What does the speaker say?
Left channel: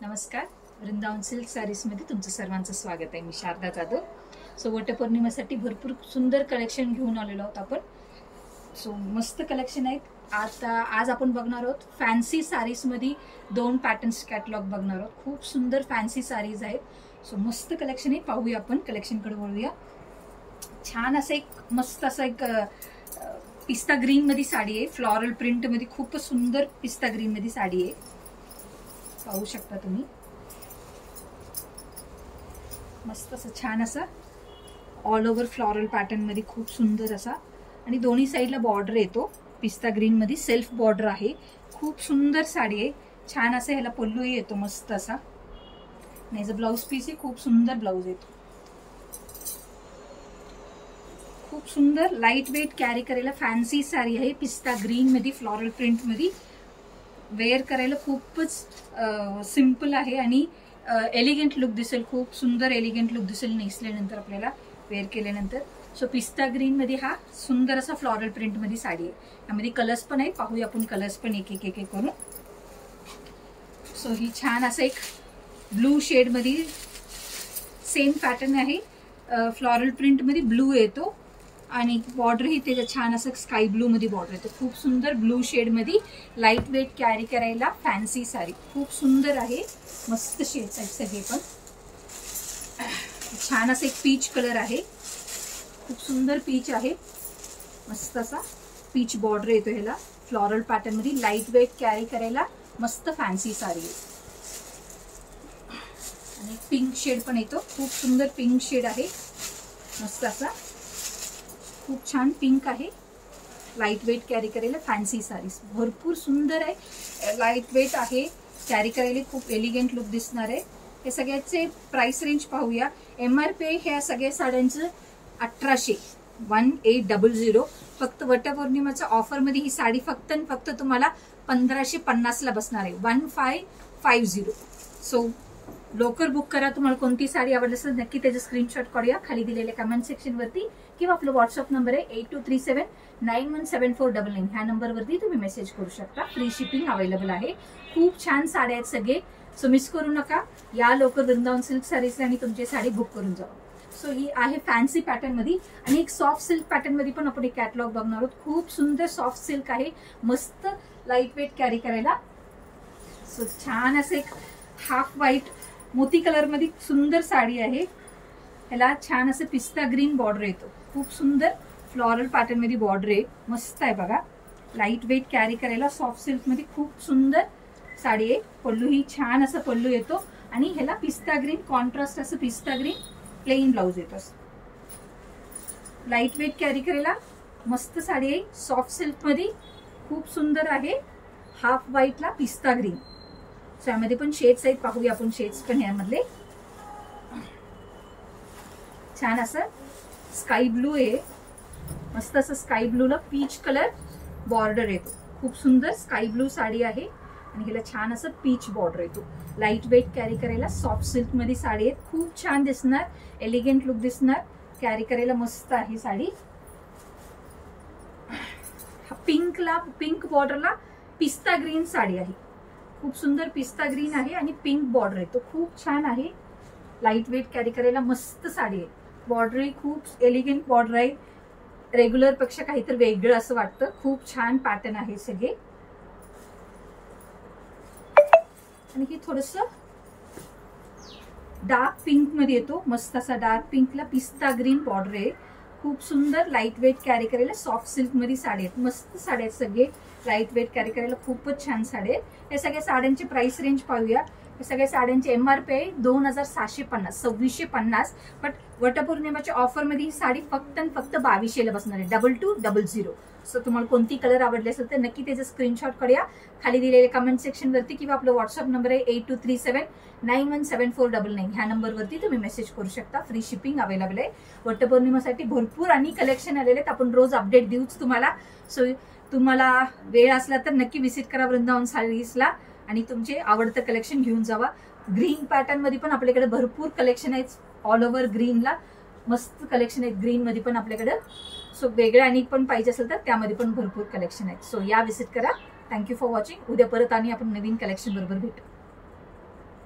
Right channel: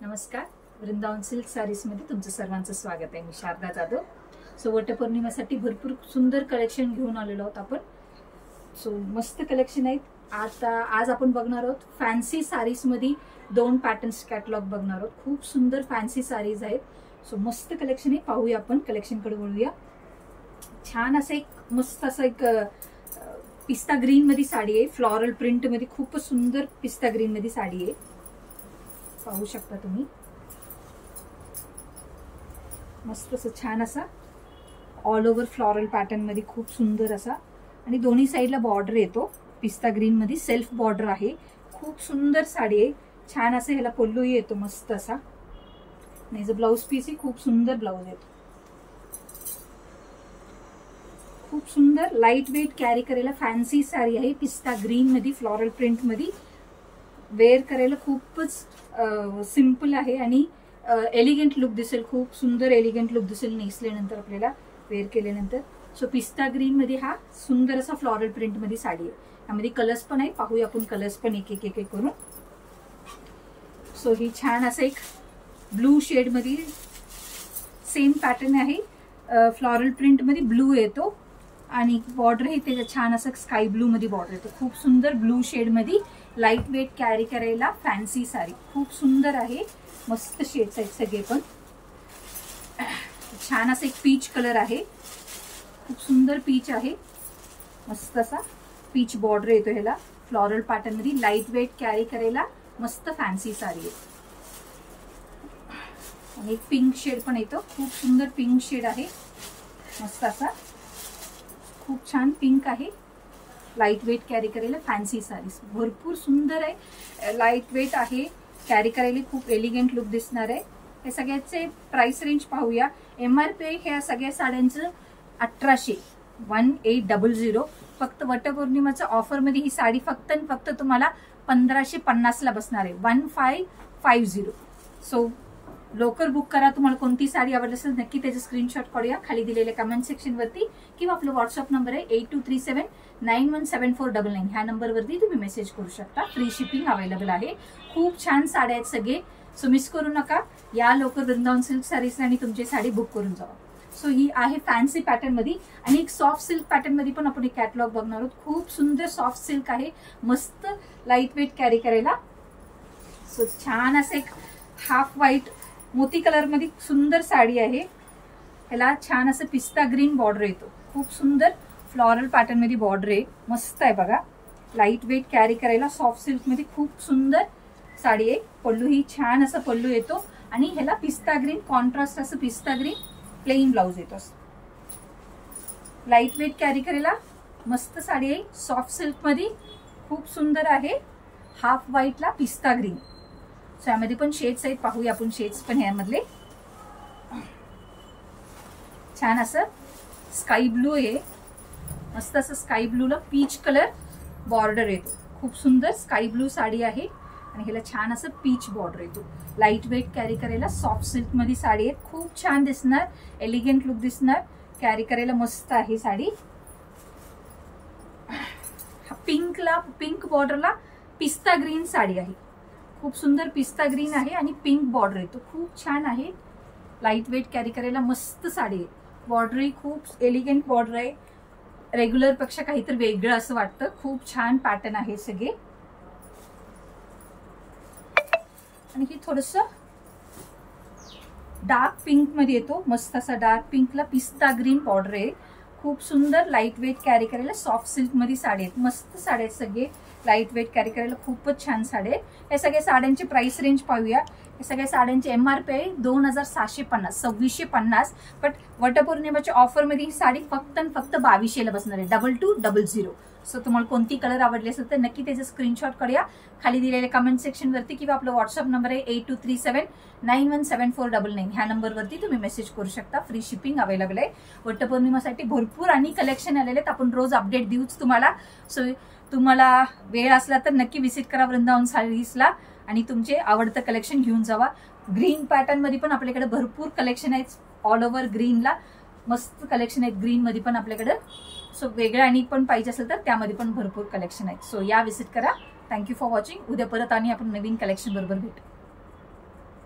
नमस्कार, Vrindavan silk sarees मध्ये तुमचं सर्वांचं स्वागत आहे। मी शारदा जाधव। सो वटपौर्णिमेसाठी भरपूर सुंदर कलेक्शन घेऊन आलेलो आहोत आपण। सो मस्त कलेक्शन आहेत। आज आपण बघणार आहोत फॅन्सी सारीज मध्ये 2 पॅटर्न्स कॅटलॉग बघणार आहोत। खूप सुंदर फॅन्सी सारीज आहेत। सो मस्त कलेक्शन आहे, पाहूया आपण कलेक्शन कडे वळूया। छान असं एक मस्त असं एक पिस्ता ग्रीन मध्ये साडी आहे, फ्लोरल प्रिंट मध्ये खूप सुंदर पिस्ता ग्रीन मध्ये साडी आहे, पाहू शकता तुम्ही। मस्त असं छान असा ऑल ओव्हर फ्लोरल पॅटर्न मध्ये खूप सुंदर असा, आणि दोन्ही साइडला बॉर्डर येतो। पिस्ता ग्रीन मध्ये सेल्फ बॉर्डर आहे, खूप सुंदर साडी आहे। छान असं ह्याला पल्लू येतो मस्त असा, आणि जो ब्लाउज पीस आहे खूप सुंदर ब्लाउज येतो। खूप सुंदर लाईट वेट कॅरी करायला फॅन्सी साडी आहे, पिस्ता ग्रीन मध्ये फ्लोरल प्रिंट मध्ये। वेअर करायला खूपच सिंपल आहे आणि एलिगंट लुक दिसेल, खूप सुंदर एलिगंट लुक दिसेल नेसल्यानंतर, आपल्याला वेअर केल्यानंतर। सो पिस्ता ग्रीन मध्ये हा सुंदर असा फ्लोरल प्रिंट मध्ये साडी आहे। यामध्ये कलर्स पण आहे, पाहूया आपण कलर्स पण एक एक करून। सो ही छान असं एक ब्लू शेड मध्ये सेम पॅटर्न आहे, फ्लोरल प्रिंट मध्ये ब्लू येतो, आणि बॉर्डर ही त्याच्या छान असं स्काय ब्लू मध्ये बॉर्डर येतो। खूप सुंदर ब्लू शेड मध्ये लाईट वेट कॅरी करायला फॅन्सी साडी, खूप सुंदर आहे। मस्त शेड्स आहेत सगळे पण। छान असं एक पीच कलर आहे, खूप सुंदर पीच आहे, मस्त असा पीच बॉर्डर येतो ह्याला फ्लोरल पॅटर्न मध्ये। लाईट वेट कॅरी करायला मस्त फॅन्सी साडी आहे, आणि एक पिंक शेड पण येतो, खूप सुंदर पिंक शेड आहे, मस्त असा खूप छान पिंक आहे। लाईट वेट कॅरी करायला फॅन्सी साडीज भरपूर सुंदर आहे, लाईट वेट आहे, कॅरी करायला खूप एलिगंट लुक दिसणार आहे। हे सगळ्याचे प्राइस रेंज पाहूया। MRP ह्या सगळ्या साड्यांचं 1800 फक्त वटपौर्णिमेच्या ऑफर मध्ये ही साडी फक्त तुम्हाला 1550 ला बसणार आहे, 1550। सो लवकर बुक करा। तुम्हाला कोणती साडी आवडली असेल नक्की त्याचे स्क्रीनशॉट काढूया खाली दिलेल्या कमेंट सेक्शन वरती, किंवा आपला व्हॉट्सअप नंबर आहे 8237917499। ह्या नंबर वरती तुम्ही मेसेज करू शकता। फ्री शिपिंग अवेलेबल आहे। खूप छान साड्या आहेत सगळे, सो मिस करू नका। या लवकर वृंदावन सिल्क सारीजला आणि तुमची साडी बुक करून जावा। सो ही आहे फॅन्सी पॅटर्न मध्ये, आणि एक सॉफ्ट सिल्क पॅटर्न मध्ये पण आपण एक कॅटलॉग बघणार आहोत। खूप सुंदर सॉफ्ट सिल्क आहे, मस्त लाईट वेट कॅरी करायला। सो छान असं एक हाफ व्हाईट मोती कलर मध्ये सुंदर साडी आहे, ह्याला छान असं पिस्ता ग्रीन बॉर्डर येतो, खूप सुंदर फ्लोरल पॅटर्न मध्ये बॉर्डर आहे, मस्त आहे बघा। लाईट वेट कॅरी करायला सॉफ्ट सिल्क मध्ये खूप सुंदर साडी आहे। पल्लू ही छान असं पल्लू येतो, आणि ह्याला पिस्ता ग्रीन कॉन्ट्रास्ट असं पिस्ता ग्रीन प्लेन ब्लाउज येतो। लाईट वेट कॅरी करायला मस्त साडी आहे, सॉफ्ट सिल्क मध्ये खूप सुंदर आहे। हाफ व्हाईटला पिस्ता ग्रीन, सो यामध्ये पण शेड्स आहेत, पाहूया आपण शेड्स पण यामधले। छान असं स्काय ब्लू आहे, मस्त असं स्काय ब्लूला पीच कलर बॉर्डर येतो, खूप सुंदर स्काय ब्लू साडी आहे, आणि ह्याला छान असं पीच बॉर्डर येतो। लाईट वेट कॅरी करायला सॉफ्ट सिल्क मध्ये साडी आहे, खूप छान दिसणार, एलिगंट लुक दिसणार, कॅरी करायला मस्त आहे साडी। पिंक बॉर्डरला पिस्ता ग्रीन साडी आहे, खूप सुंदर पिस्ता ग्रीन आहे, आणि पिंक बॉर्डर येतो, खूप छान आहे। लाईट वेट कॅरी करायला मस्त साडी आहे, बॉर्डर ही खूप एलिगंट बॉर्डर आहे, रेग्युलर पेक्षा काहीतरी वेगळं असं वाटतं। खूप छान पॅटर्न आहे सगळे, आणि ही थोडस डार्क पिंक मध्ये येतो, मस्त असा डार्क पिंकला पिस्ता ग्रीन बॉर्डर आहे, खूप सुंदर लाईट वेट कॅरी करायला सॉफ्ट सिल्क मध्ये साडी आहेत, मस्त साड्या आहेत सगळे। लाईट वेट कॅरी करायला खूपच छान साडी आहे। या सगळ्या साड्यांची प्राइस रेंज पाहूया। या सगळ्या साड्यांची MRP आहे 2750, 2650, बट वटपौर्णिमेच्या ऑफर मध्ये ही साडी फक्त 2200 ला बसणार आहे, 2200। सो तुम्हाला कोणती कलर आवडली असेल तर नक्की त्याचे स्क्रीनशॉट काढूया खाली दिलेल्या कमेंट सेक्शन वरती, किंवा आपला व्हॉट्सअप नंबर आहे 8237917499। ह्या नंबर वरती तुम्ही मेसेज करू शकता। फ्री शिपिंग अवेलेबल आहे। वटपौर्णिमेसाठी भरपूर आणि कलेक्शन आलेले आहेत, आपण रोज अपडेट देऊच तुम्हाला। सो तुम्हाला वेळ असला तर नक्की विजिट करा वृंदावन सारीजला, आणि तुमचे आवडतं कलेक्शन घेऊन जावा। ग्रीन पॅटर्न मध्ये पण आपल्याकडे भरपूर कलेक्शन आहेत, ऑल ओव्हर ग्रीनला मस्त कलेक्शन आहेत ग्रीन मध्ये पण आपल्याकडे। सो वेगळं आणि पण पाहिजे असेल तर त्यामध्ये पण भरपूर कलेक्शन आहेत, सो या विजिट करा। Thank you for watching. उद्या परत आणि आपण नवीन कलेक्शन बरोबर भेटू।